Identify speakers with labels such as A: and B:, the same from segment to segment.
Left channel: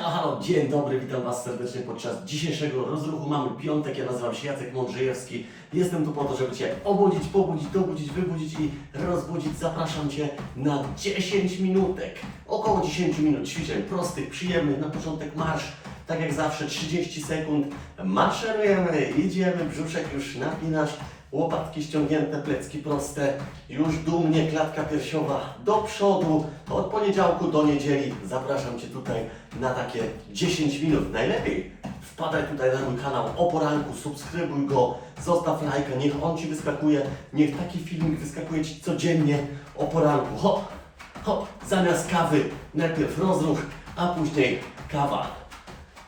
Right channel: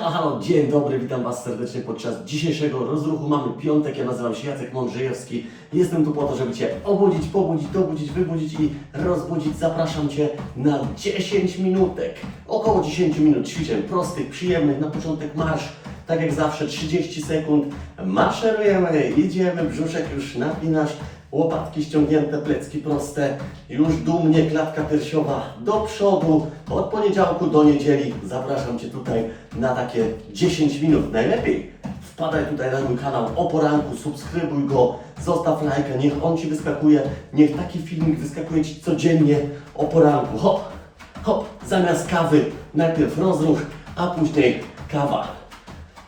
A: Halo, dzień dobry, witam Was serdecznie podczas dzisiejszego rozruchu. Mamy piątek, ja nazywam się Jacek Mądrzejewski. Jestem tu po to, żeby Cię obudzić, pobudzić, dobudzić, wybudzić i rozbudzić. Zapraszam Cię na 10 minutek, około 10 minut ćwiczeń prostych, przyjemnych. Na początek marsz, tak jak zawsze 30 sekund. Maszerujemy, idziemy, brzuszek już napinasz. Łopatki ściągnięte, plecki proste, już dumnie klatka piersiowa do przodu. Od poniedziałku do niedzieli zapraszam Cię tutaj na takie 10 minut. Najlepiej wpadaj tutaj na mój kanał o poranku, subskrybuj go, zostaw lajka, niech on Ci wyskakuje, niech taki filmik wyskakuje Ci codziennie o poranku. Hop, hop, zamiast kawy najpierw rozruch, a później kawa.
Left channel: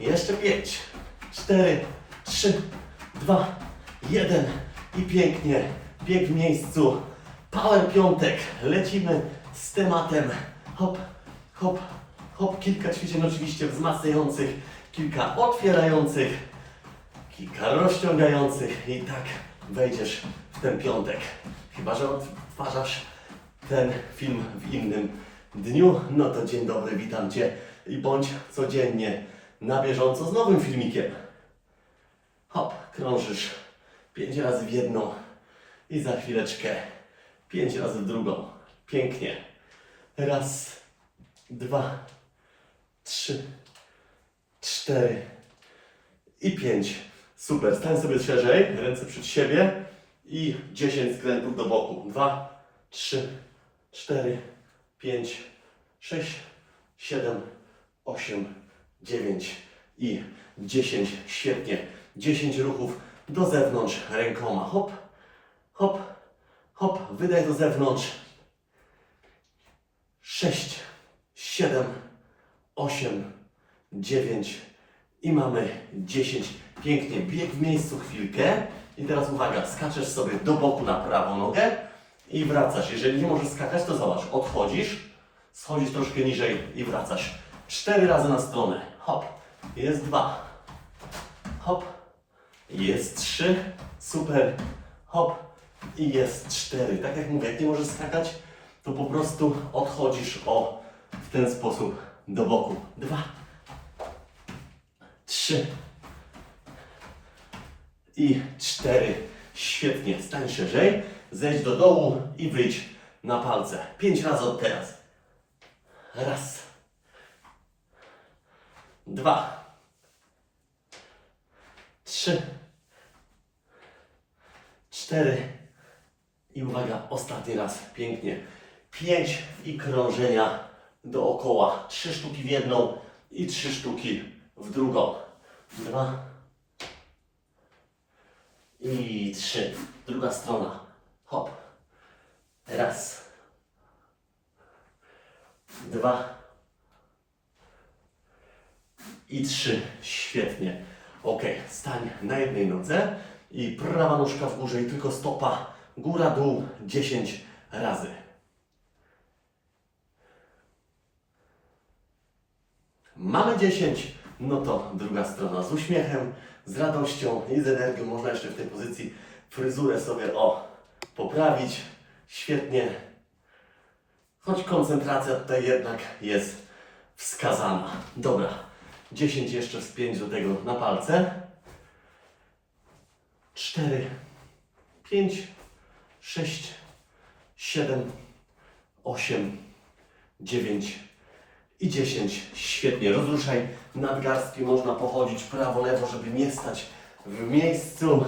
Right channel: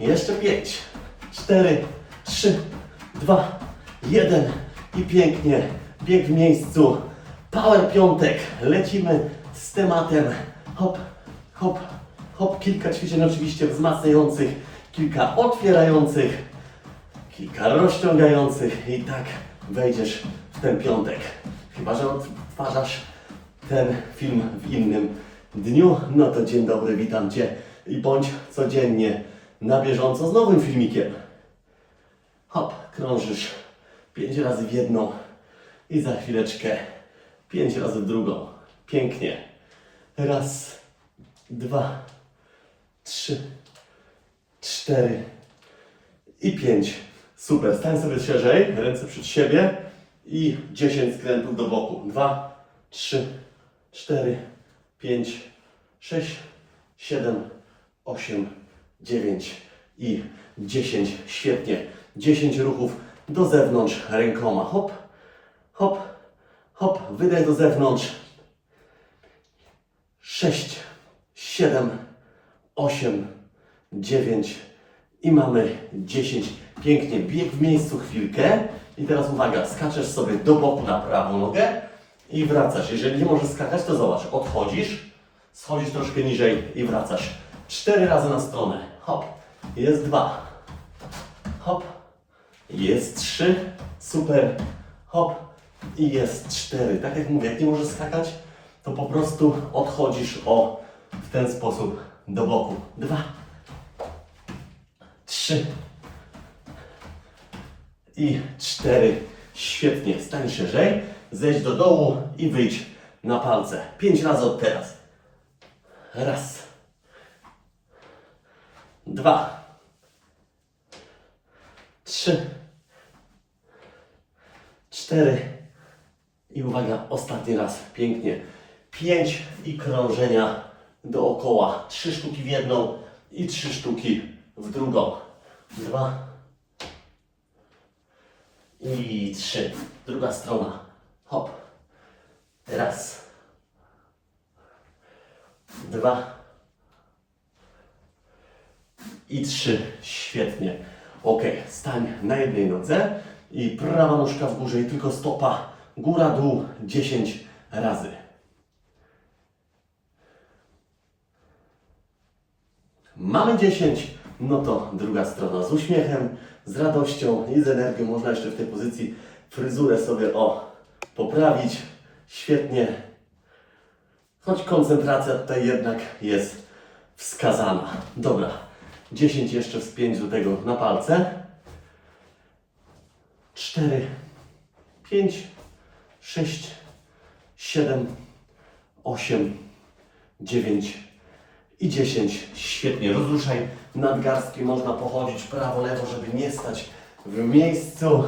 A: Jeszcze 5, 4, 3, 2, 1 i pięknie. Bieg w miejscu. Power piątek. Lecimy z tematem. Hop, hop, hop. Kilka ćwiczeń oczywiście wzmacniających, kilka otwierających, kilka rozciągających i tak wejdziesz w ten piątek. Chyba, że odtwarzasz ten film w innym dniu, no to dzień dobry, witam Cię i bądź codziennie na bieżąco z nowym filmikiem. Hop, krążysz pięć razy w jedną i za chwileczkę pięć razy w drugą. Pięknie. Raz, dwa, trzy, cztery i pięć. Super. Stań sobie szerzej, ręce przed siebie i 10 skrętów do boku. Dwa, trzy, cztery, pięć, sześć, siedem, osiem, dziewięć i 10. Świetnie. 10 ruchów do zewnątrz rękoma. Hop, hop, hop. Wydaj do zewnątrz. 6, 7, 8, 9 i mamy 10. Pięknie. Bieg w miejscu chwilkę. I teraz uwaga, skaczesz sobie do boku na prawą nogę i wracasz. Jeżeli nie możesz skakać, to zobacz, odchodzisz, schodzisz troszkę niżej i wracasz. Cztery razy na stronę. Hop. Jest dwa. Hop. Jest trzy. Super. Hop. I jest cztery. Tak jak mówię, jak nie możesz skakać, to po prostu odchodzisz o w ten sposób do boku. Dwa. Trzy. I cztery. Świetnie. Stań szerzej. Zejdź do dołu i wyjdź na palce. Pięć razy od teraz. Raz. Dwa. Trzy. Cztery. I uwaga, ostatni raz. Pięknie. Pięć i krążenia dookoła. Trzy sztuki w jedną i trzy sztuki w drugą. Dwa. I trzy. Druga strona. Hop. Raz. Dwa. I trzy. Świetnie. Ok, stań na jednej nodze i prawa nóżka w górze i tylko stopa góra, dół 10 razy. Mamy 10, no to druga strona z uśmiechem, z radością i z energią. Można jeszcze w tej pozycji fryzurę sobie o poprawić. Świetnie. Choć koncentracja tutaj jednak jest wskazana. Dobra, 10 jeszcze wspięć do tego na palce. 4, 5, 6, 7, 8, 9 i 10. Świetnie. Rozruszaj nadgarstki. Można pochodzić prawo, lewo, żeby nie stać w miejscu.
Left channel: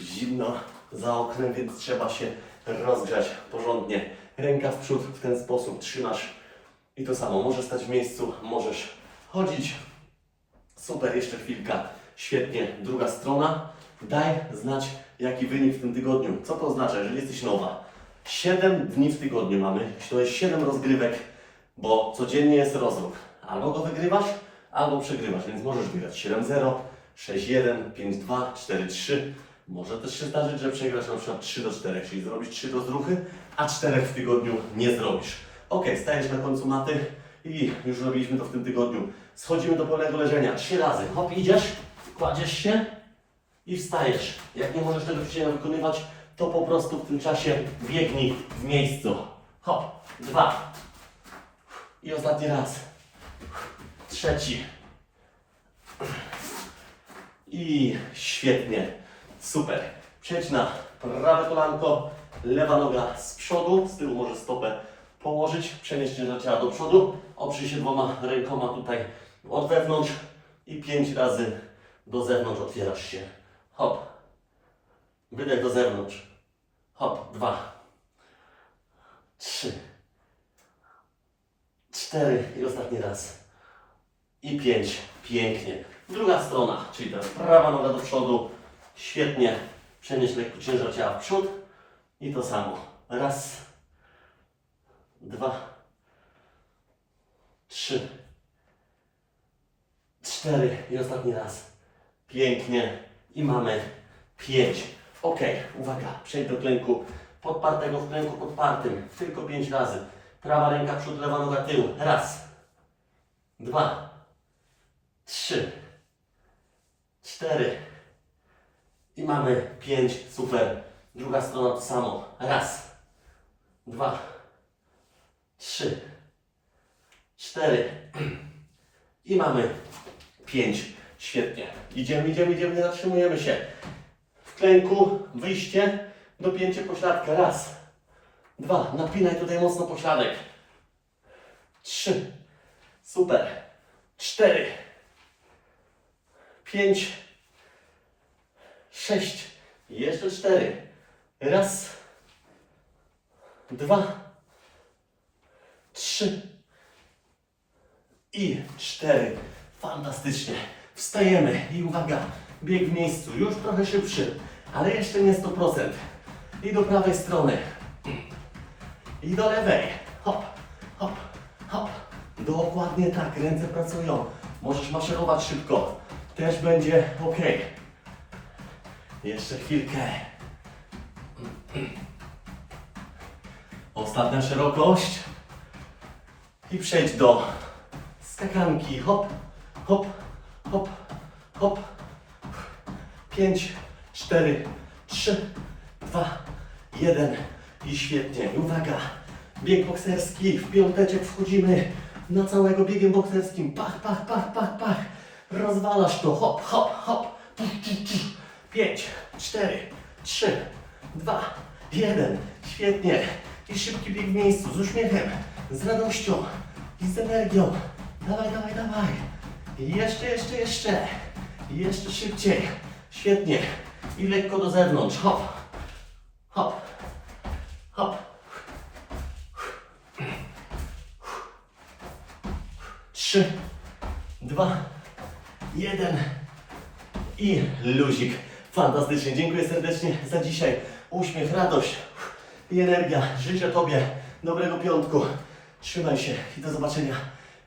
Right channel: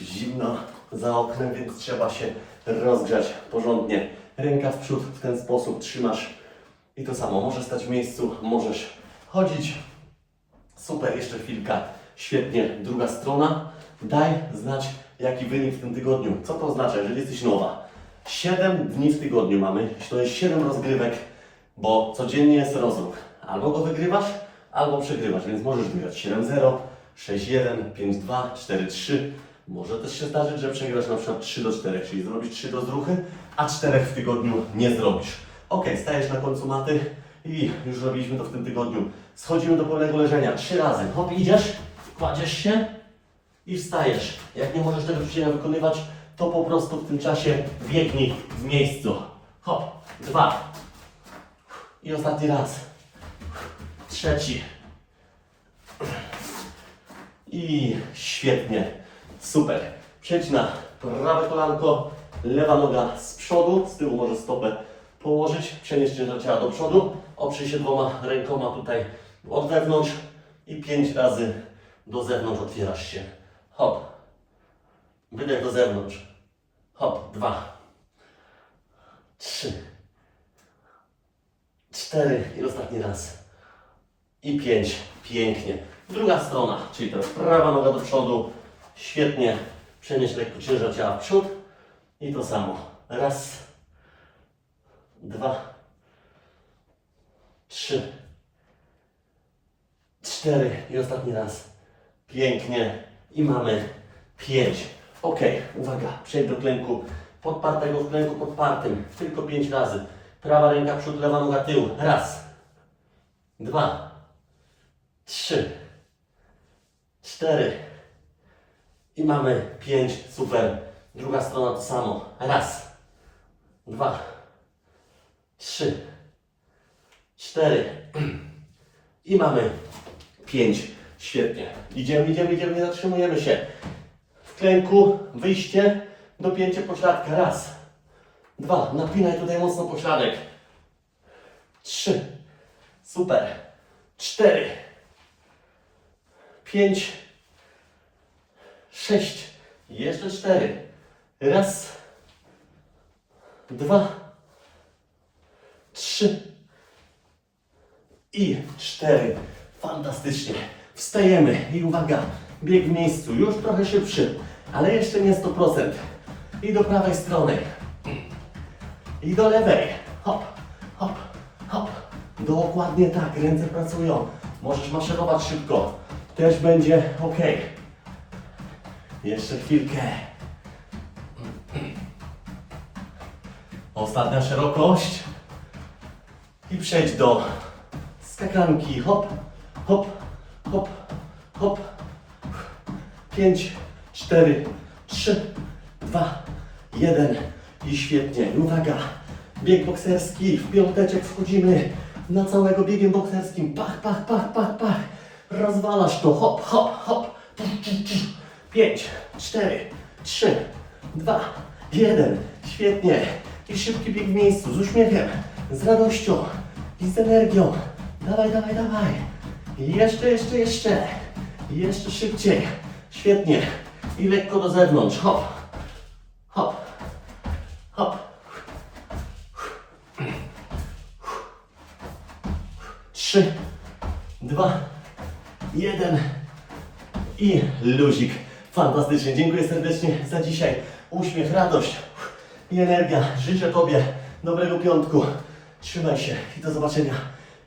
A: Zimno za oknem, więc trzeba się rozgrzać porządnie. Ręka w przód w ten sposób trzymasz. I to samo. Możesz stać w miejscu, możesz chodzić. Super, jeszcze chwilka. Świetnie. Druga strona. Daj znać, jaki wynik w tym tygodniu. Co to oznacza, jeżeli jesteś nowa? 7 dni w tygodniu mamy. To jest 7 rozgrywek, bo codziennie jest rozruch. Albo go wygrywasz, albo przegrywasz, więc możesz wygrać 7-0, 6-1, 5-2, 4-3. Może też się zdarzyć, że przegrasz na przykład 3 do 4, czyli zrobisz 3 rozruchy, a 4 w tygodniu nie zrobisz. Ok, stajesz na końcu maty i już robiliśmy to w tym tygodniu. Schodzimy do pełnego leżenia 3 razy. Hop, idziesz, kładziesz się i wstajesz. Jak nie możesz tego ćwiczenia wykonywać, to po prostu w tym czasie biegnij w miejscu. Hop, dwa. I ostatni raz. trzeci. I świetnie, super. Przejdź na prawe kolanko, lewa noga z przodu, z tyłu może stopę położyć, przenieść ciężar do przodu, oprzyj się dwoma rękoma tutaj od wewnątrz i pięć razy do zewnątrz otwierasz się. Hop. Wydech do zewnątrz. Hop. Dwa. Trzy. Cztery. I ostatni raz. I pięć. Pięknie. Druga strona, czyli teraz prawa noga do przodu. Świetnie. Przenieś lekko ciężar ciała w przód. I to samo. Raz. Dwa. Trzy. Cztery. I ostatni raz. Pięknie. I mamy pięć. Ok, uwaga, przejdź do klęku podpartego w klęku podpartym. Tylko pięć razy. Prawa ręka przód, lewa noga tył. Raz. Dwa. Trzy. Cztery. I mamy pięć. Super. Druga strona to samo. Raz. Dwa. Trzy. Cztery. I mamy pięć. Świetnie. Idziemy, idziemy, idziemy, nie zatrzymujemy się. W klęku wyjście, dopięcie pośladka. Raz. Dwa. Napinaj tutaj mocno pośladek. Trzy. Super. Cztery. Pięć. Sześć. Jeszcze cztery. Raz. Dwa. Trzy. I cztery. Fantastycznie. Wstajemy i uwaga, bieg w miejscu, już trochę szybszy, ale jeszcze nie 100%. I do prawej strony. I do lewej. Hop, hop, hop. Dokładnie tak, ręce pracują. Możesz maszerować szybko. Też będzie ok. Jeszcze chwilkę. Ostatnia szerokość. I przejdź do skakanki. Hop, hop, hop, hop. Pięć, cztery, trzy, dwa, jeden. I świetnie. I uwaga. Bieg bokserski. W piąteczek wchodzimy na całego biegiem bokserskim. Pach, pach, pach, pach, pach. Rozwalasz to. Hop, hop, hop. Tu, tu, tu. Pięć, cztery, trzy, dwa, jeden. Świetnie. I szybki bieg w miejscu. Z uśmiechem. Z radością. I z energią. Dawaj, dawaj, dawaj. Jeszcze, jeszcze, jeszcze. Jeszcze szybciej. Świetnie. I lekko do zewnątrz. Hop. Hop. Hop. Trzy, dwa, jeden i luzik. Fantastycznie. Dziękuję serdecznie za dzisiaj. Uśmiech, radość i energia. Życzę Tobie dobrego piątku. Trzymaj się i do zobaczenia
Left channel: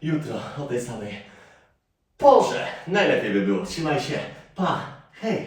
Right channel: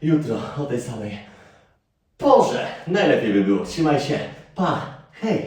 A: jutro o tej samej porze. Najlepiej by było. Trzymaj się. Pa. Hej.